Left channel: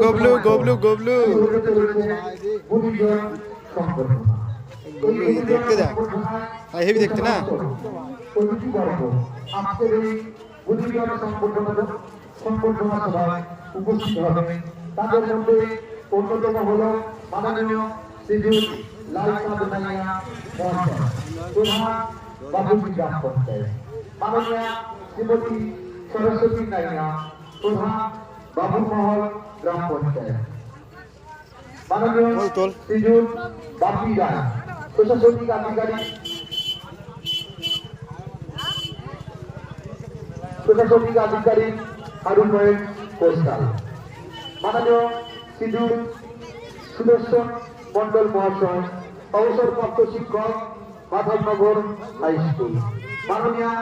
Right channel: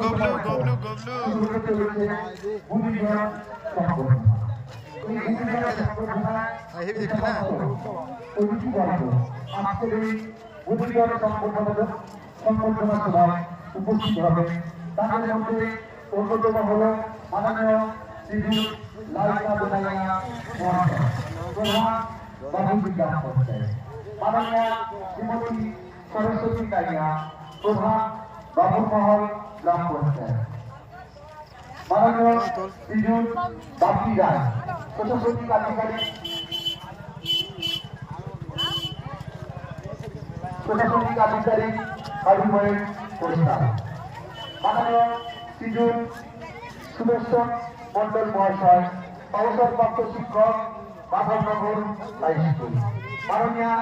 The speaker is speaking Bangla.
গবলু গবলু গবলু দেখতে দেখ হেভি দেখতে না সংবর্ধনা সভায় উপস্থিত হবেন। তাদের মধ্যে অন্যতম হল মাননীয় শ্রীযুত লালচাঁদ নাইয়া মহাশয়, প্রধান বাবুজি গ্রাম পঞ্চায়েত, মাননীয় শ্রীমতী সরস্বতী নাইয়া, প্রধান বাবুমহল গ্রাম পঞ্চায়েত, মাননীয় শ্রীযুত বাপি রায়, প্রশাসনিক আধিকারিক হারুময় কোস্টাল, মাননীয় শ্রীযুত সুদর্শন মন্ডল মহাশয়, অবসরপ্রাপ্ত শিক্ষক, মাধবনগর হাই স্কুল, মাননীয়